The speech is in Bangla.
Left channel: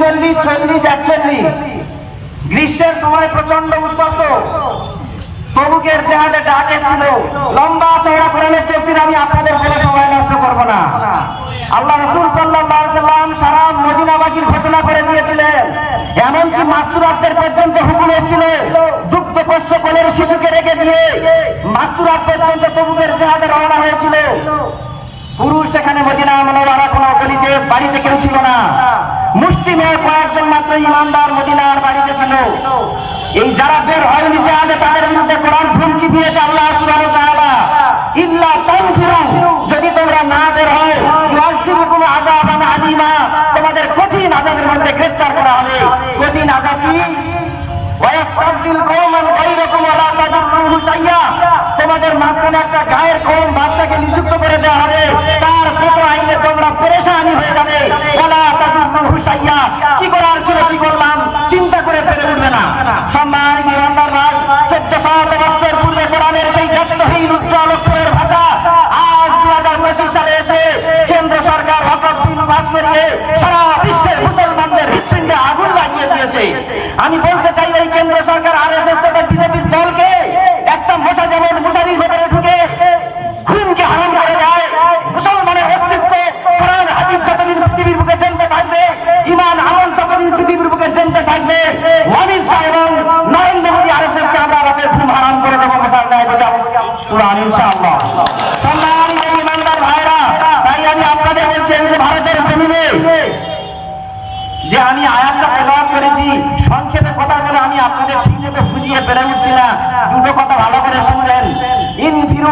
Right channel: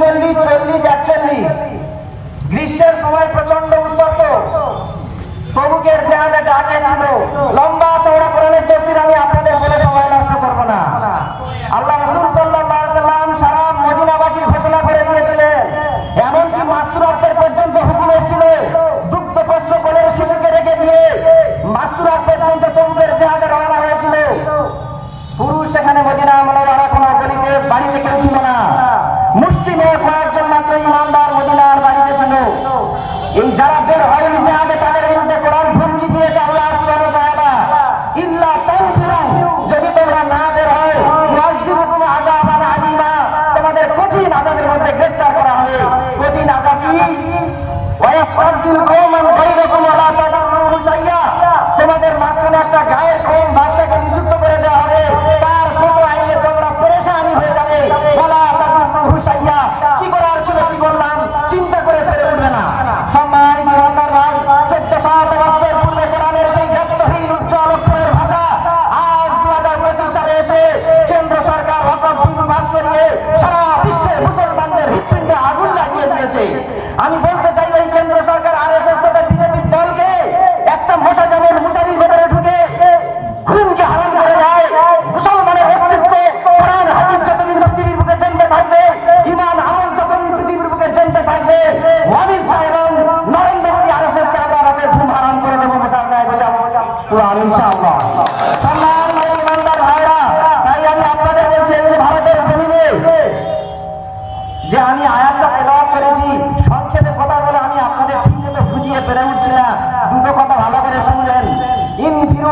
39, 40, 41 গ্রীষ্মের সময় প্রচন্ড উত্তপ্ত তবুকের জিহাদে ডাক এসেছিল। লম্বা চওড়া কোরআনের তাফসীর আমি আপনাদের বলে সময় নষ্ট করব না। আল্লাহ রাসূল সাল্লাল্লাহু আলাইহি সাল্লাম সারা মদিনাবাসীর ঘোষণা করে দিয়েছিলেন, এমনকি মাস্তুরাতদের পর্যন্ত হুকুম এসেছিল দুগ্ধপোষ্য কোলের শিশুকে রেখে দিয়ে মাস্তুরাত পর্যন্ত তবুকের জিহাদে রওনা হয়েছিল। পুরুষ সেখানে মদিনা মুনাওয়ারা কোনো গলিতে বাড়িতে কেউ ছিল না, মুসলিমের কয়েকজন মাত্র ঈমানদার মদিনার বাড়িতে ছিল। এই যারা বের হয়নি জিহাদে তাদের বিরুদ্ধে কোরআন ধমকি দিয়েছে আল্লাহ সুবহানাহু ওয়া তাআলা, ইল্লা তানফিরু, যদি তোমরা না বের হও ইউআযিবুকুম আযাবান আযীমা, তোমাদের কঠিন আযাবের মধ্যে গ্রেফতার করা হবে। কঠিন আযাব কি? ওয়ায়াস্তাবদিল কওমান গায়রাকুম ওয়া লা তাদুররুহু শাইয়্যা, তোমাদের মাঝখানে একটা গায়ের কওম বাদশাকে নিযুক্ত করে দেওয়া হবে, তার কোনো আইনে তোমরা পেরেশানি হয়ে যাবে। ওয়া লা তাদুররুহু শাইয়্যা, কি করার ছিল কি বললাম চিন্তা করে পেরে উঠবে না। সম্মানিত ইমানদার ভাই, 1400 বছর পূর্বে কোরআনের সেই দ্ব্যর্থহীন উজ্জ্বল অক্ষরের ভাষা আজ 2025 সালে এসে কেন্দ্র সরকার হঠাৎ বিল পাস করিয়ে সারা বিশ্বের মুসলমানদের হৃৎপিণ্ডে আগুন লাগিয়ে দিয়েছে। আমি বলতে চাই এই কেন্দ্র সরকার আরএসএস তথা বিজেপির দলকে একটা মশা যেমন মশারির ভেতরে ঢুকে খুনকে হারাম করে দেয়, মুসলমানের অস্তিত্ব কোরআন হাদিস যতদিন পৃথিবীর বুকে জানতে থাকবে, ঈমান আমল যতদিন পৃথিবীর বুকে জানতে থাকবে, অমিত শাহ এবং নরেন্দ্র মোদী আরএসএসকে আমরা রাতের ঘুম হারাম করে দেবো মশার ন্যায় বলে সুবহান ইনশাআল্লাহ। সম্মানিত ইমানদার ভাইরা, তাই আমি আপনাদের বলছি এই যে ভারতের জমিনে যে আমি আয়াতটা তেলাওয়াত করেছি, সংক্ষেপে কথা বলে আমি আপনাদের ঠিকমতো বুঝিয়ে পেরে উঠছি না, দুটো কথা ভালো করে শুনলেন। ইনফিরু